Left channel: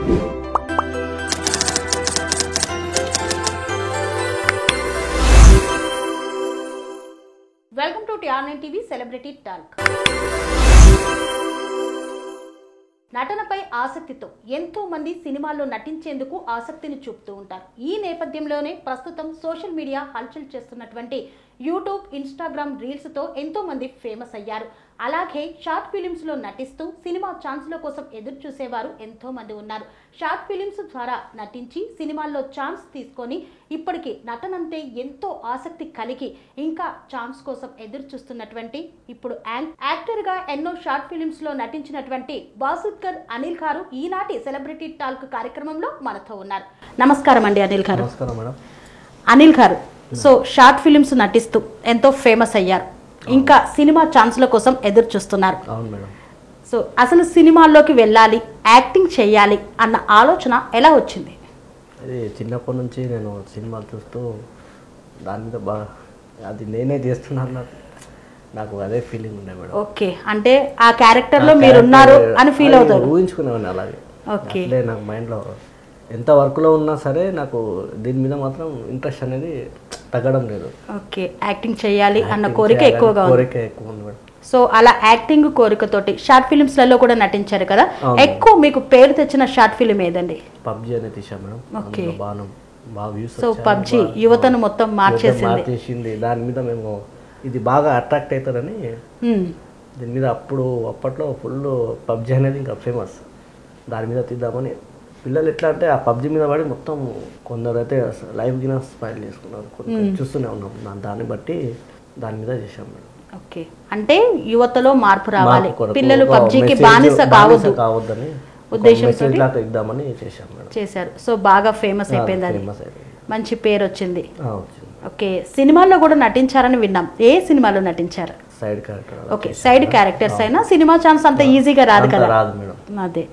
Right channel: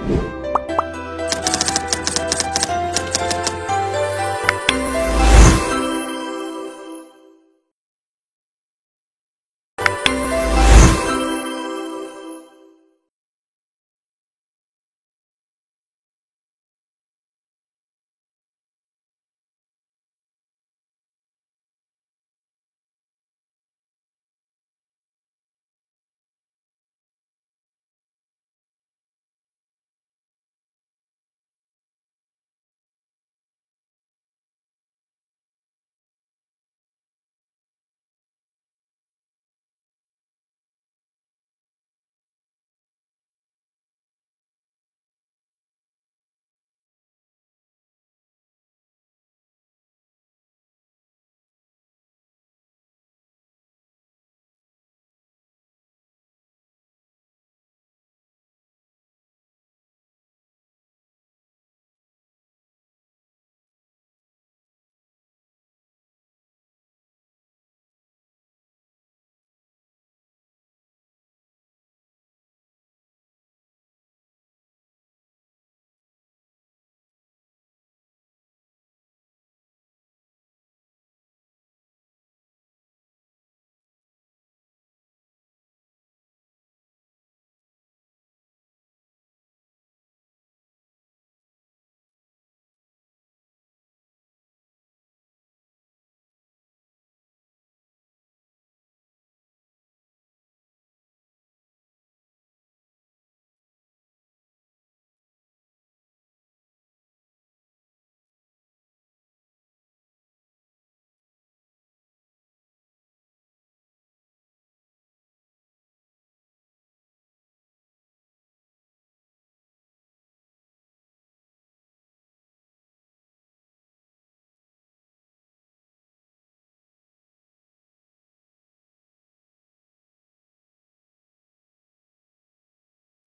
Welcome to TR9 TV celebrity talk. నటనపై ఆసక్తితో ఎంతో మంది సినిమాల్లో నటించేందుకు ఆసక్తిని చూపుతూ ఉంటారు. ఈ నేపథ్యంలోనే ప్రస్తుతం సోషల్ మీడియా హల్చల్ చేస్తున్నటువంటి యూట్యూబ్, ఇన్స్టాగ్రామ్ రీల్స్తో ఎంతో మంది ఫేమస్ అయ్యారు. అలాగే షార్ట్ ఫిలిమ్స్లో నటిస్తూ సినిమా ఛాన్స్ల కోసం ఎదురు చూసేవారు ఎంతో మంది ఉన్నారు. షార్ట్ ఫిలిమ్స్ ద్వారా నటించి సినిమాల్లో ఛాన్స్ తీసుకొని ఇప్పటికీ నటనంటే ఎంతో ఆసక్తి కలిగి ఇంకా ఛాన్స్ కోసం ఎదురు చూస్తున్నటువంటి ఇప్పుడు యాక్టర్గా ఎన్నో షార్ట్ ఫిలిమ్స్లో నటించినటువంటి బాసుద్కర్ అనిల్ గారు ఈనాటి సెలబ్రిటీ టాక్ కార్యక్రమంలో మనతో ఉన్నారు. నమస్కారం అండి అనిల్ గారు. నమస్కారం మేడం. అనిల్ గారు, సో షార్ట్ ఫిలిమ్స్ నటిస్తూ ఎంతో ఫేమస్ అయ్యారు, ఇంకా సినిమా ఛాన్స్ల కోసం ఎదురు చూస్తున్నారు. అవును మేడం. సో అసలు సినిమాల్లోకి వెళ్ళాలి, యాక్టింగ్ చేయాలి అన్న ఆలోచన ఎలా వచ్చింది? అది చిన్నప్పటి నుంచి నేను సినిమాలు చూస్తూ దాని మీద బాగా అది నేనే చేస్తున్నాను, నాకు అదే ఫీలింగ్ ఉండే మేడం. ఓకే, అంటే ఆ క్యారెక్టర్లో మీరు ఉన్నారు అని ఫీల్ అవుతారు. ఊహించుకునేవాడిని అలాగే. ఓకే, అంటే నాకు మైండ్లో ఎంత వర్క్లో ఉన్నా సరే నాకు దీని మీద మాత్రం ఇంట్రెస్ట్ అనేది తగ్గడం లేదు. ఓకే, యాక్టింగ్ చేయాలి అన్న కోరిక ఎక్కువగా ఉంది మేడం. సో అలా యాక్టింగ్ కోరికతోటి షార్ట్ ఫిలిమ్స్లలో కూడా నటించారు కదా. ఎక్కువ మీకు పేరు తెచ్చిన షార్ట్ ఫిలిం ఏదండి? పబ్జీ అనేది తీసాం మేడం. ఓకే, బాగా వ్యూస్. సో పబ్జీ యువతను మొత్తం మార్చేసింది. దాని మీద మేము ఇది బాగా అట్రాక్ట్ అవుతారని దీని మీద అప్పట్లో ఫుల్ పబ్జీ అనేది ఇంకా ఫేమస్, దాని మీద తీద్దామని పిల్లలు ఎట్లా అంటే ఆ పబ్జీ మీద పడి మొత్తం కొందరు అయితే లైవ్ గిన స్మైల్ చేసుకున్నారు, చూస్తూనే ఉన్నాం. దాన్ని బట్టి దాని మీద చేశాం మేడం. ఓకే, అంటే యువతలో మార్పు రావాలి, పిల్లలు పబ్జీకి బానిస కావద్దని ఉద్దేశంతో ఇద్దామని చేశాం మేడం. చేశారు. సో బాగా ఫేమస్ అయిపోయింది, అది మంచి పేరు వచ్చింది. ఓకే, సినిమాల్లో కూడా నటించారని విన్నాం. ఏ సినిమాలో నటించారు? Side character. Okay, side characters అయినా సినిమా ఛాన్స్ అంత ఈజీగా రాదు కదా. రాదు మేడం. అదే,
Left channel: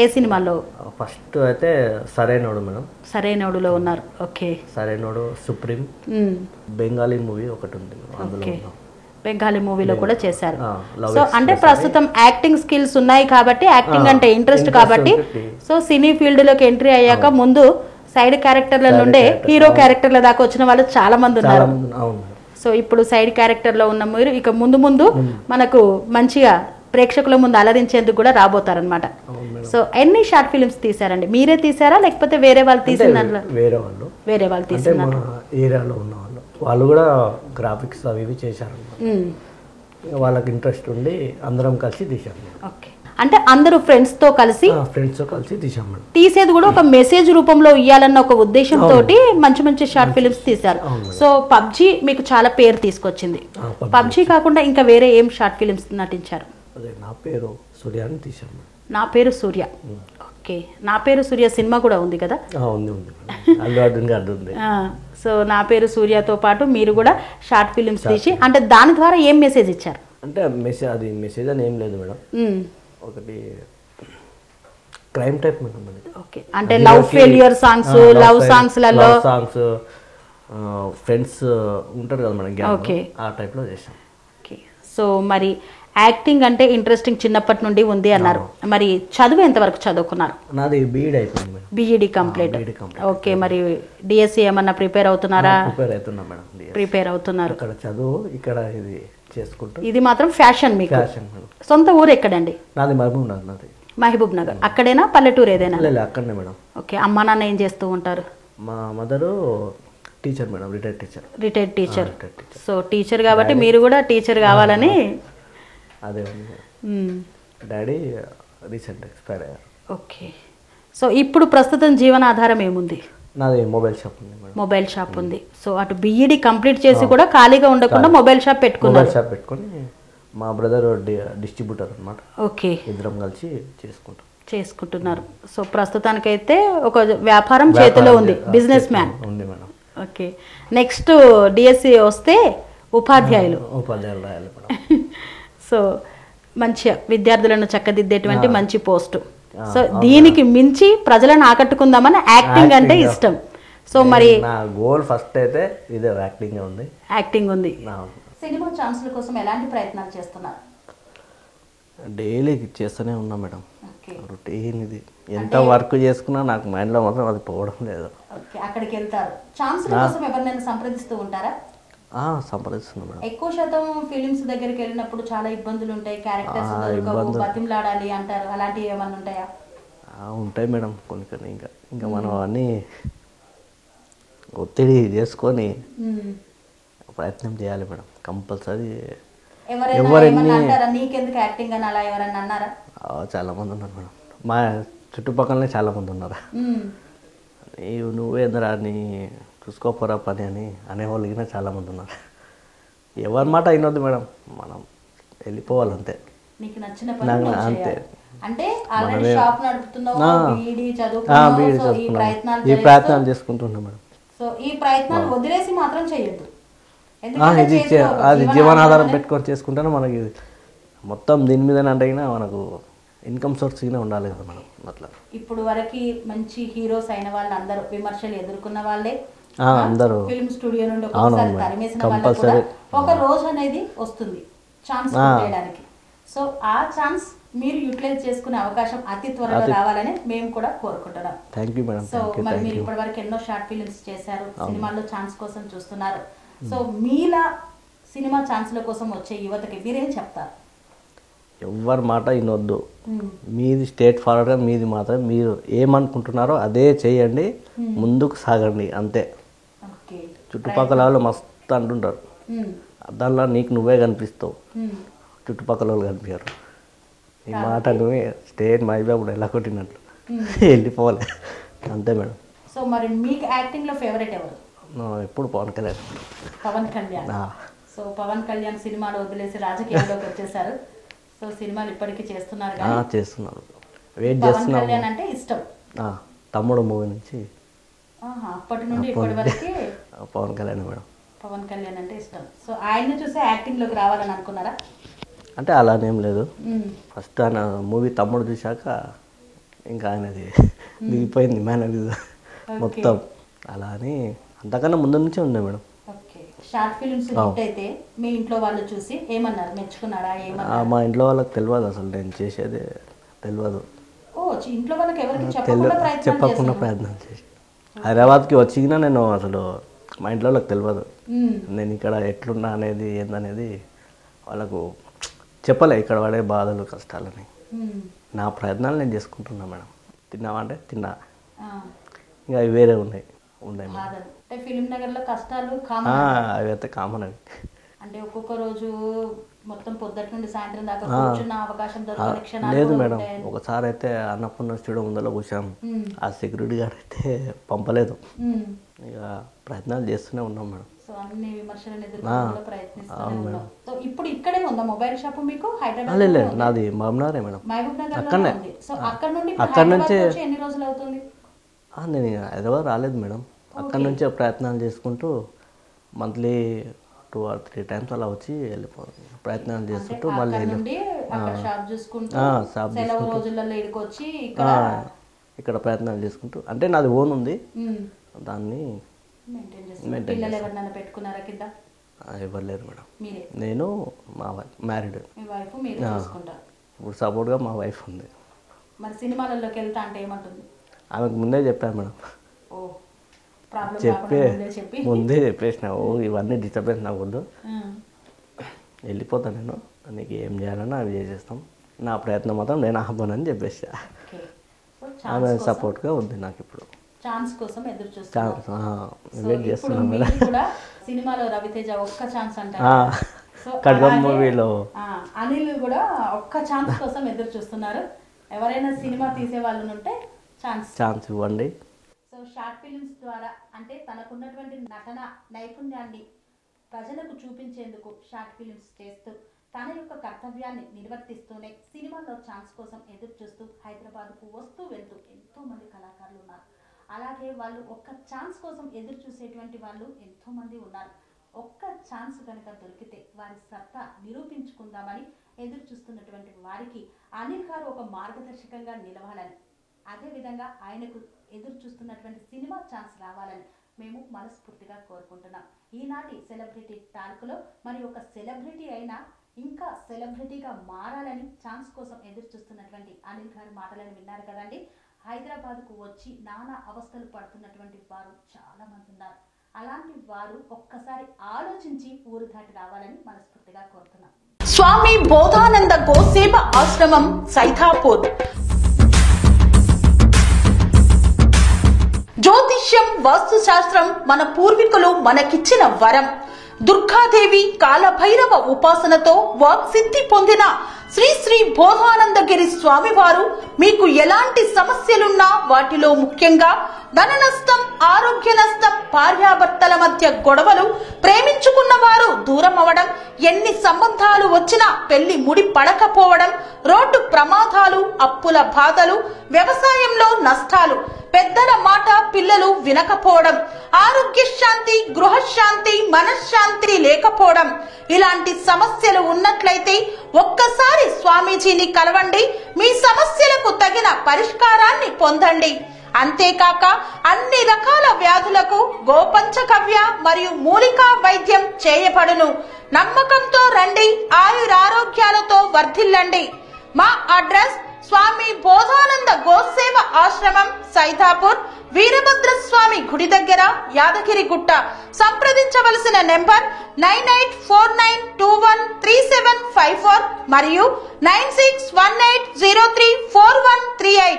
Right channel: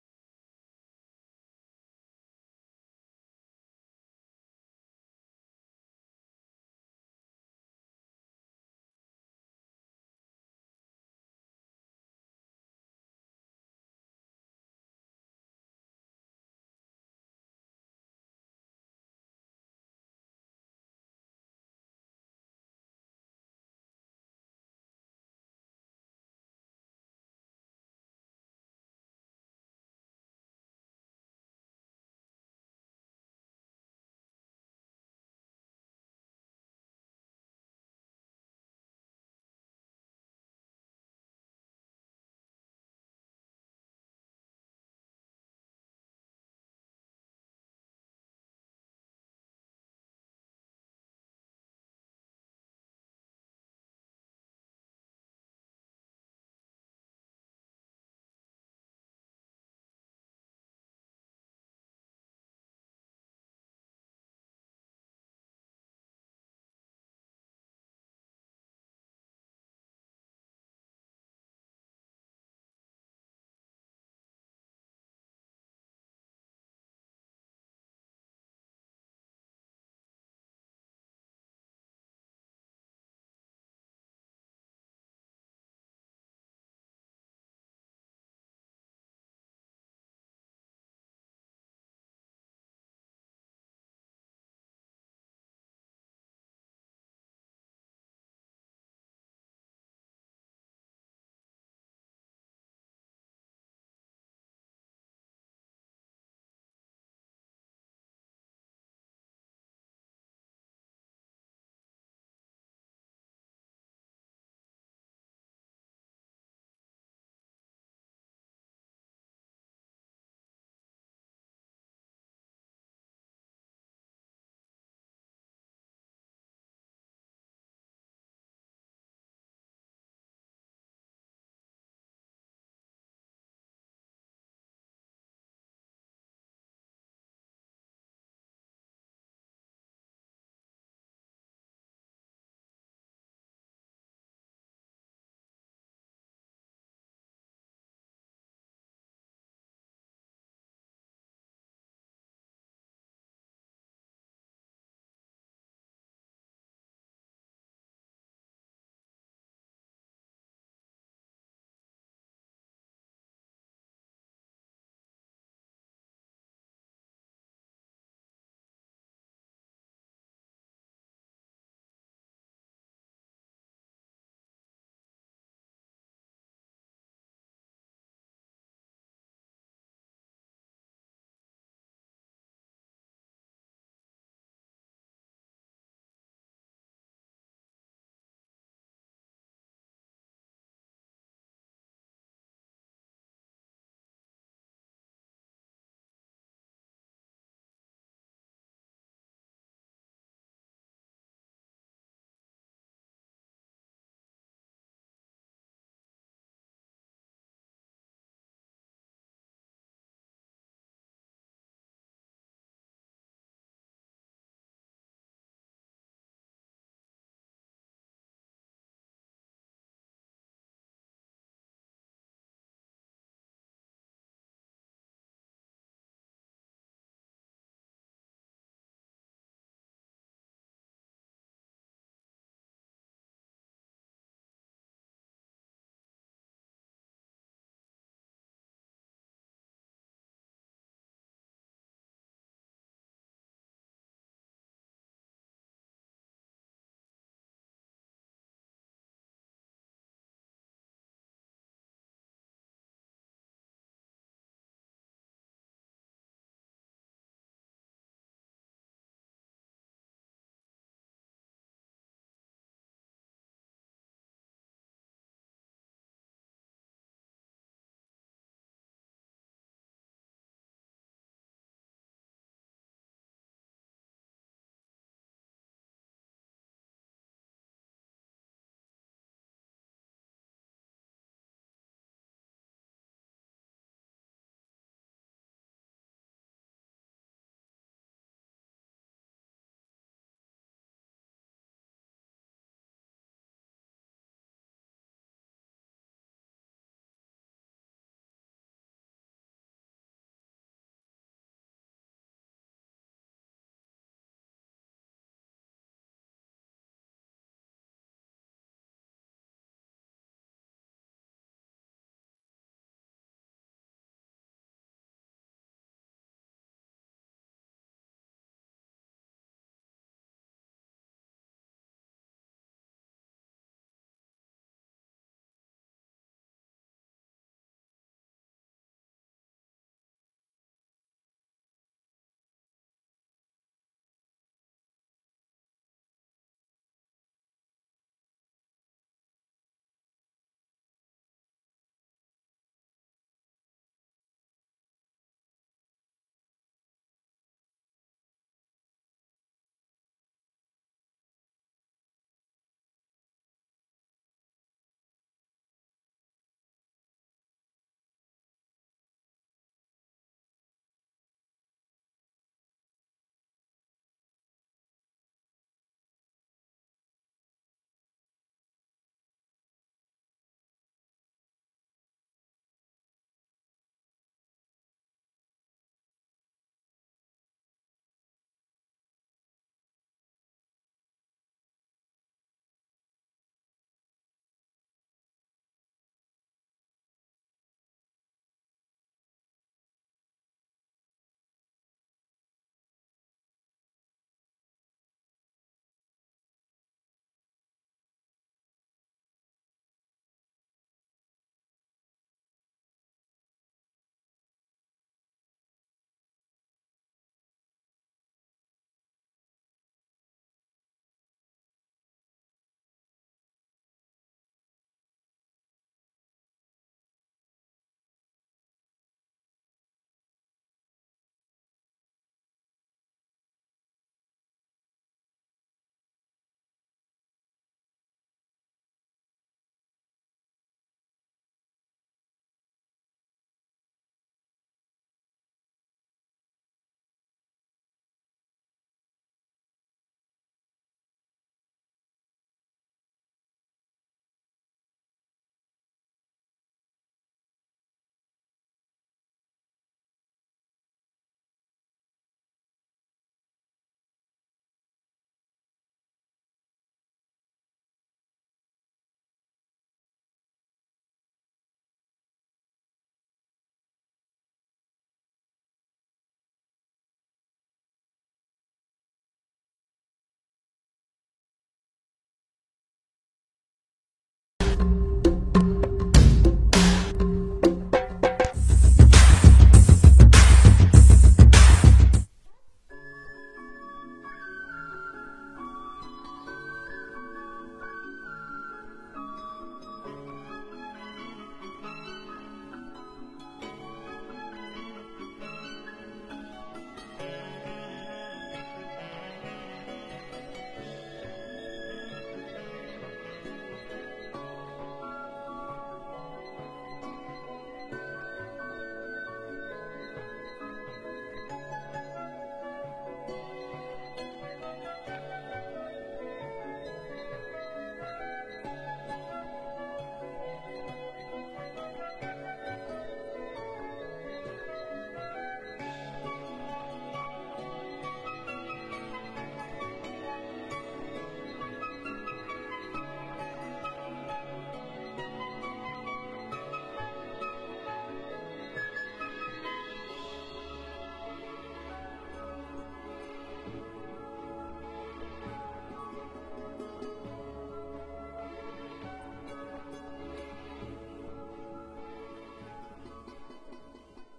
ఏ సినిమాలో? ఫస్ట్ అయితే సరైనోడు మేడం. సరైనోడులో ఉన్నారు. Okay, Sarrainodu, Supreme, Bengali movie ఒకటి ఉంది అందులో. బెంగాలీ మూవీలో కూడా చేశారు. సో అంటే ప్రస్తుతం యాక్టింగ్ స్కిల్స్ ఉన్నాయి కాబట్టి, యాక్టింగ్ అంటే ఇంట్రెస్ట్ కాబట్టి, సో సినీ ఫీల్డ్ లోకి ఎంట్రీ అయ్యాక ముందు సైడ్ క్యారెక్టర్ల నుండే హీరో క్యారెక్టర్ల దాకా వచ్చిన వాళ్ళు చాలా మంది ఉన్నారు. సో ఇప్పుడు సైడ్ క్యారెక్టర్ లో ఉన్న మీరు ఇక ముందు మనకు మంచిగా ప్రేక్షకుల ముందు అలరించేందుకు కూడా రాబోతారనమాట. సో ఎన్ని షార్ట్ ఫిలిమ్స్ తీసారండి? మీరే తీసారా లేకపోతే వేరే వాళ్ళు తీసిన దాంట్లో? వేరే వాళ్ళు తీసిన ఏరియాలో ఉన్న వాళ్ళు కూడా గ్రాఫిక్స్ అవి ఇవి చేశారు, వాళ్ళకి ఇంట్రెస్ట్ ఉండి అందరం కలిసి తీసాము. ఓకే, అంటే అందరూ ఫ్రెండ్స్ తో కలిసి తీసాము. తీసేది కూడా ఒక మెసేజ్ రూపంలో ఇవ్వాలన్న ఒక ఉద్దేశంతో మంచి షార్ట్ ఫిలిమ్స్ తీశారు. సో పబ్జీ మీకు చాలా పేరు తీసుకొచ్చింది. పబ్జీ కాకుండా ఇంకా వేరే ఏం షార్ట్ ఫిలిమ్స్ నటించారు? నా పేరు సూర్య అని తీసాము. నా పేరు సూర్య. ఓకే, నా పేరు సూర్య సినిమా కూడా ఉంది కదా. సో నా పేరు సూర్యతో పాటు మీరు కూడా షార్ట్ ఫిలిమ్స్ తీసి, అంటే దాని ద్వారా ఏం మెసేజ్ ఇచ్చారు? అంటే మెసేజ్ అని ఏం లేదు మేడం, ఒకటి క్రైమ్ టైప్ మేడం. ఓకే, అంటే లవ్ ఫెయిల్యూర్ సాంగ్స్, లవ్ సాంగ్స్లలో ఫ్రెండ్స్ ఉంటారు కదా మేడం, ఓకే ఆ టైప్లో చేసాం. ఓకే, సో మరి యాక్టింగ్ అంటే ఇంట్రెస్టింగ్ చిన్నప్పటి నుండి ఉంది అన్నారు. మరి చదువు ఎంతవరకు చదువుకున్నారు? నాది బీఈడి అయిపోయింది మేడం. BEd complete. ఓకే, మరి డిఎస్సి ఏమన్నా ప్రిపేర్ అవుతున్నారా? ప్రిపేర్ అవుతున్నారు. ఇక్కడ చదువు, ఇక్కడ ఇది చేసుకుంటూ. ఇది మాత్రం ఫ్యాషన్ మీకు. సొంత ఊరు ఎక్కడండి? నాది మహబూబ్ నగర్. నాది మహబూబ్ నగర్. అక్కడేనా పల్లెటూరు ఏదైనా? అక్కడనే మేడం. ఓకే, అమ్మ నాన్న ఏం చేస్తూ ఉంటారు? మా mother teacher madam, retired teacher. So teacher కాబట్టి మీరు కూడా టీచర్ కావాలని. అదే, డాడీ రీసెంట్ ఎక్స్పైర్ అయ్యారు. ఓకే, సో ఇప్పుడు ప్రస్తుతం జీవనాధారం ఏముంది? నాది మొబైల్ షాప్ ఉంది. మొబైల్ షాప్ ఉంది. సో అటు బీఈడి కంప్లీట్ చేసి కూడా ఖాళీగా ఉండకుండా మొబైల్ షాప్ పెట్టుకుని మా బ్రదర్ డిస్ట్రిబ్యూటర్ అన్నమాట. ఓకే, ఇద్దరం కలిసి చేసుకుంటున్నారు. సో ప్రస్తుతానికైతే ఒక వ్యాపారం చేతిలో ఉంది, బిజినెస్ మ్యాన్ ఉంది మేడం. ఓకే, నెక్స్ట్ డిఎస్సి వస్తే ఉపాధ్యాయులు రాయాలి. సో మంచిగా విద్యార్థులను చక్కదిద్దేటువంటి మంచి పోస్టు. సో దీనికి మించి ప్రజలను ఆకట్టుకుందామని యాక్టింగ్ అంటే ఇష్టం. సో మరి నా గోల్ ఫస్ట్ అయితే ఇదే, యాక్టింగ్ ఉంది. సినిమా ఛాన్స్ల కోసం ఎలాంటి ప్రయత్నాలు చేస్తున్నారు? డైలీ చేస్తూనే ఉన్నా మేడం. ఓకే రొటీన్ ఇది. ఎంత వర్క్ చేసుకున్నా నాకు మైండ్లో మాత్రం అది పోవడం లేదు. ఓకే, అక్కడికి వెళ్తారు. ఛాన్సుల కోసం ఎవరినైనా సంప్రదిస్తూ ఉంటారా? సంప్రదిస్తున్నాం మేడం. ఎక్కువ శాతం ఫిలిమ్స్ దగ్గరికి వెళ్ళినప్పుడు చాలా ఇబ్బందులు ఉంటాయి, క్యారెక్టర్స్ దొరకవు, బతిమలాడాలి అంటారు. అలాంటివి ఏమన్నా ఉంటాయా? ఉంటాయి మేడం కొన్ని కొన్ని. ఇంకా మనం అన్నీ ఒత్తిడి చేసుకొని ప్రయత్నం చేయాలి మేడం కంపల్సరీ. ఎవరైనా అంటారా నీకెందుకు యాక్టింగ్ అని, అలా ఎవరన్నా అన్నారా? చాలామంది ఉన్నారు మేడం, మా చుట్టుపక్కలనే చాలామంది ఉన్నారు. నువ్వేందరా నీ చూసుకోపోరా పని అని అనేవాళ్ళు కూడా చాలామంది ఉన్నారు. ఎవరి మాట అయినొద్దు మేడం, మనం వెళ్ళిపోవాలి అంతే. నీకు నచ్చిన పని అంతే. అంటే ఆల్రెడీ షాప్ నడుపుతున్నావు, బీఈడీ చదువుకున్నావు, ఈ ప్రయత్నాలు చేసుకుంటున్నాం మేడం. సో ఈ ప్రయత్నాలు వదిలేసి మాత్రం చేయొద్దు. అది జీవనాధారం పెట్టుకొని చేసుకుంటేనే మనకి మొత్తం దీని మీదనే అంటే మనకు ఇన్కమ్ సోర్స్ ఉండాలి కదా మనం. అట్లా ఇప్పుడు వరకు మంచి హీరోస్ అయిన వాళ్ళు అందరూ విమర్శలు ఎదుర్కొన్న వాళ్ళే, అందరూ ఫిల్మ్ స్టూడియో నుండి ఒకసారి తరిమేసిన వాళ్ళు కూడా ఒక రోజు అనేది వస్తుంది ఛాన్స్ చేయడానికి. సో ఆ ఛాన్స్ మీరు యూటిలైజ్ చేసుకునే అవకాశం అతి త్వరలో రావాలని మేము కూడా కోరుకుంటున్నాం. Thank you madam. సో మరి మీరు ఇప్పటివరకు ఎన్నో షార్ట్ ఫిలిమ్స్ చేశారు, సినిమాల్లో ఛాన్స్ కోసం చూస్తున్నారు. సో మీలా సినిమా ఛాన్స్ల కోసం వచ్చే యువతకి మీరేం చెప్తారు? ఎవరి మాట వినొద్దు, మీది స్టేట్ ఫార్వర్డ్గా మీది మాత్రం మీరు ఏమనుకుంటున్నారో అదే చేయండి, ముందుకు సాగండి అంతే. చుట్టుపక్కల వాళ్ళు మస్తు అంటుంటారు, దానిలో నీకు నువ్వే కనిపిస్తావు, చుట్టుపక్కల వాళ్ళు కనిపించారు. ఈ మాట నువ్వే స్టేట్ మైబాబు ఎలా కొట్టినట్లు వెళ్ళిపోవాలి అంతే మేడం. సో మరి మీకు యాక్టింగ్లో ఫేవరెట్ ఎవరు? ఎప్పుడు పవన్ కళ్యాణ్. పవన్ కళ్యాణ్. సో పవన్ కళ్యాణ్ సినిమాలు వదిలేసి రాజకీయాల్లోకి వచ్చేసారు. సో సినిమాలు ఇప్పటికీ చేస్తున్నారు కదా? చేస్తున్నారు, వెయిట్ చేస్తున్నాను. పవన్ కళ్యాణ్ అంటే ఇష్టం? తమ్ముడు మూవీ నుంచి అప్పటి నుండి ఇప్పటి వరకు పవన్ కళ్యాణ్ మేడం. పవన్ కళ్యాణ్ అంటే ఇష్టం. సో ఆయన్ని చూసే యాక్టింగ్లోకి రావాలని అనుకున్నారా? అంటే అలానేం లేదు, ఫస్ట్ ఆయన మూవీ తమ్ముడు చూశాక ఇంకా ఆయనది దిగిపోయింది మేనరిజం మొత్తం. అలా అని అంతకన్నా ముందు నుంచే ఉంది madam. Okay, short films hit అయితే మీ ఇంట్లో వాళ్ళు చూసి ఏమన్నారు, మెచ్చుకున్నారా? ఏమన్నారు? మా ఇంట్లో వాళ్ళకి తెలియదు, అసలు నేను చేసేదే తెలియదు. ఇంట్లో వాళ్ళకి ఎవరికి చెప్పకుండా ప్రయత్నం చేసి హైదరాబాద్కి వచ్చినా నేను అసలు మా ఇంట్లో వాళ్ళకి తెలియదు నేను ఇక్కడ ఎట్లున్నా అనేది ఏందనేది వాళ్ళకు చెప్పలే, ఇక్కడ పడే బాధలు కష్టాలని. నా ప్రయత్నాలు నేను చేసుకుంటున్నా మేడం. తిన్నావా అంటే తిన్నా, ఇంకా అవి వేరే ఉన్నాయి ఫిలిం నగర్లో కష్టాలు అవి అయితే కామన్. అవి అంటే ఒక్కొక్క రోజు మొత్తం పొద్దుటి నుండి సాయంత్రం దాకా కూర్చున్న అవకాశం దొరకని క్షణాలు లేదు మేడం. ఒకసారి అయితే అన్నపూర్ణ స్టూడియో ముందర కూర్చాం, ఆ సెక్యూరిటీ గార్డ్ అయితే పంపలేదు. ఇక ప్రయత్నాలు చేస్తూనే ఉన్నాం మేడం. సో అన్ని విమర్శలను ఎదుర్కోవడానికి ప్రయత్నిస్తూనే ఉన్నాం. సో ఇప్పుడు ఇక్కడే ఉందా మొబైల్ షాప్ మీకు? హైదరాబాద్? లేదు, నాది మహబూబ్నగరే మేడం. అక్కడనే. సో అక్కడ నుంచి ఎన్ని రోజులు అవుతుంది? నేను హైదరాబాద్ రాలేదు మేడం. అక్కడ నుంచే ప్రయత్నాలు చేసుకుంటూ మంత్లీ 2 or 3 times అలా వచ్చి వెళ్ళిపోవాలి, ప్రయత్నాలు చేసుకుంటూ మళ్ళీ ఇక్కడ ప్రయత్నాలు చేసుకుంటూ. అంటే నాది ఓన్ ఉంది, దాన్ని ఎవరు లేరు మేడం. నేను మా వైఫ్ మ్యారీడ్. ఇప్పుడు సపోర్ట్గా మా వైఫ్ ఉంది. మరి సినిమాలలోకి వెళ్తా అంటే ఏమంటుంది? ఆమెకు ముందే చెప్పాను మేడం, ముందే చెప్పేసిన ఇవన్నీ డిస్టర్బెన్స్ నాకు వద్దు, వెళ్ళిపోతాను నేను, నీకు ఏం చేయాలన్నా అవి చేసేస్తాం, నా ప్రయత్నం మాత్రం నేను ఆపనని చెప్పేసా. ఆమె సపోర్ట్గా ఉంది నాకు. ఇప్పుడు ఛాన్స్ కోసం ఎదురు వెయిట్ చేస్తున్నాం మేడం. సినిమాలో రవితేజ ఒక్క ఛాన్స్ అంటారు, ఖడ్గం మూవీలో అనిల్ కూడా ఒక్క ఛాన్స్ కోసం ఎదురు చూస్తున్నారు. ఎవరైనా సినిమా తీసే వాళ్ళు ఉంటే ఛాన్స్ ఇవ్వండి. సో షార్ట్ ఫిలిమ్స్ ద్వారా అంటే తనకున్నటువంటి నటన నైపుణ్యాన్ని ప్రజలకు చూపించేందుకు షార్ట్ ఫిలిమ్స్ చేస్తూ తన యొక్క కర్తవ్యాన్ని నిర్వర్తిస్తూనే సినిమాలో ఛాన్స్ కోసం ఎదురు చూస్తూ హైదరాబాద్కు వస్తూ వెళ్తూ ఎంతోమంది కళాకారులు ఉన్నారు. అలాగే వాళ్ళు ఒక్క ఛాన్స్ కోసం ఎదురు చూసేటువంటి వాళ్ళు ఎంతోమంది ఉన్నారు. ఒక్క ఛాన్స్ కనుక దొరికితే వారి సత్తా నిరూపించుకుందామని ఎదురు చూస్తున్నటువంటి వారికి అనిల్ గారు ఒక మార్గదర్శకంగా నిలవాలని, అదేవిధంగా ఆయనకు ఎదురు చూస్తున్నటువంటి సినిమా ఛాన్స్ రావాలని మేము మనస్ఫూర్తిగా కోరుకుంటున్నాం. ఈనాటి సెలబ్రిటీ టాల్క్లో మరి ఒక సెలబ్రిటీ అయిన ఇంకా సెలబ్రిటీగా మారాలని ఛాన్స్ కోసం ఎదురు చూస్తున్నటువంటి అనిల్ గారి మాటలను విన్నారు కదండి. హైదరాబాద్కు వచ్చి నానా అవస్థలు పడుతున్నటువంటి వారు చాలా మంది ఉన్నారు. అలాంటి వారు ఒక్కసారి ఆలోచించి ఊరు దాటి రావాలని మనస్ఫూర్తిగా కోరుతున్నాం. స్వామి బోధానంద గోసేవ ఆశ్రమం సైథాపూర్. జ్యోతిష్యం, వాస్తు శాస్త్రం మన పూర్వీకులు మనకిచ్చిన వరం. దుర్గాదేవి, కాలభైరవ ఉపాసనతో వాక్సిద్ధి పొందిన శ్రీ శ్రీ బోధానందగిరి స్వామివారు మీకు ఎలాంటి సమస్యలున్నా, వాటిలో ముఖ్యంగా ధన నష్టం, ఆరోగ్య నష్టం, భార్యాభర్తల మధ్య గొడవలు, ప్రేమించుకున్న వారు దూరం అవడం, ఎన్ని సంబంధాలు వచ్చినా పెళ్లి ముడి పడకపోవడం, రోడ్డు ప్రమాదాలు, అప్పుల బాధలు, వ్యవసాయంలో నష్టాలు, పెద్దల మాట పిల్లలు వినకపోవడం, ఆరోగ్య శాంతి, గృహశాంతి, మనశ్శాంతి లేకపోవడం, ఇలాంటి సమస్యలు ఉన్నట్లయితే ఒక్కసారి స్వామీజీని కలవండి. మీ సమస్యలకు తగిన పరిష్కారాన్ని పొందండి. అంతేకాక అన్ని రకాల వ్యాధులకు గోపంచకవ్య మరియు మూలికా వైద్యం చేయబడును. నమ్మకంతో రండి, ఆయురారోగ్యాలతో వర్ధిల్లండి. మా అడ్రస్ స్వామి బోధానంద గోసేవ ఆశ్రమం, సైథాపూర్, వీరభద్ర స్వామి గుడి దగ్గర, యాదగిరిగుట్ట. సంప్రదించవలసిన నెంబర్ 9849213754 మరియు 9618034138.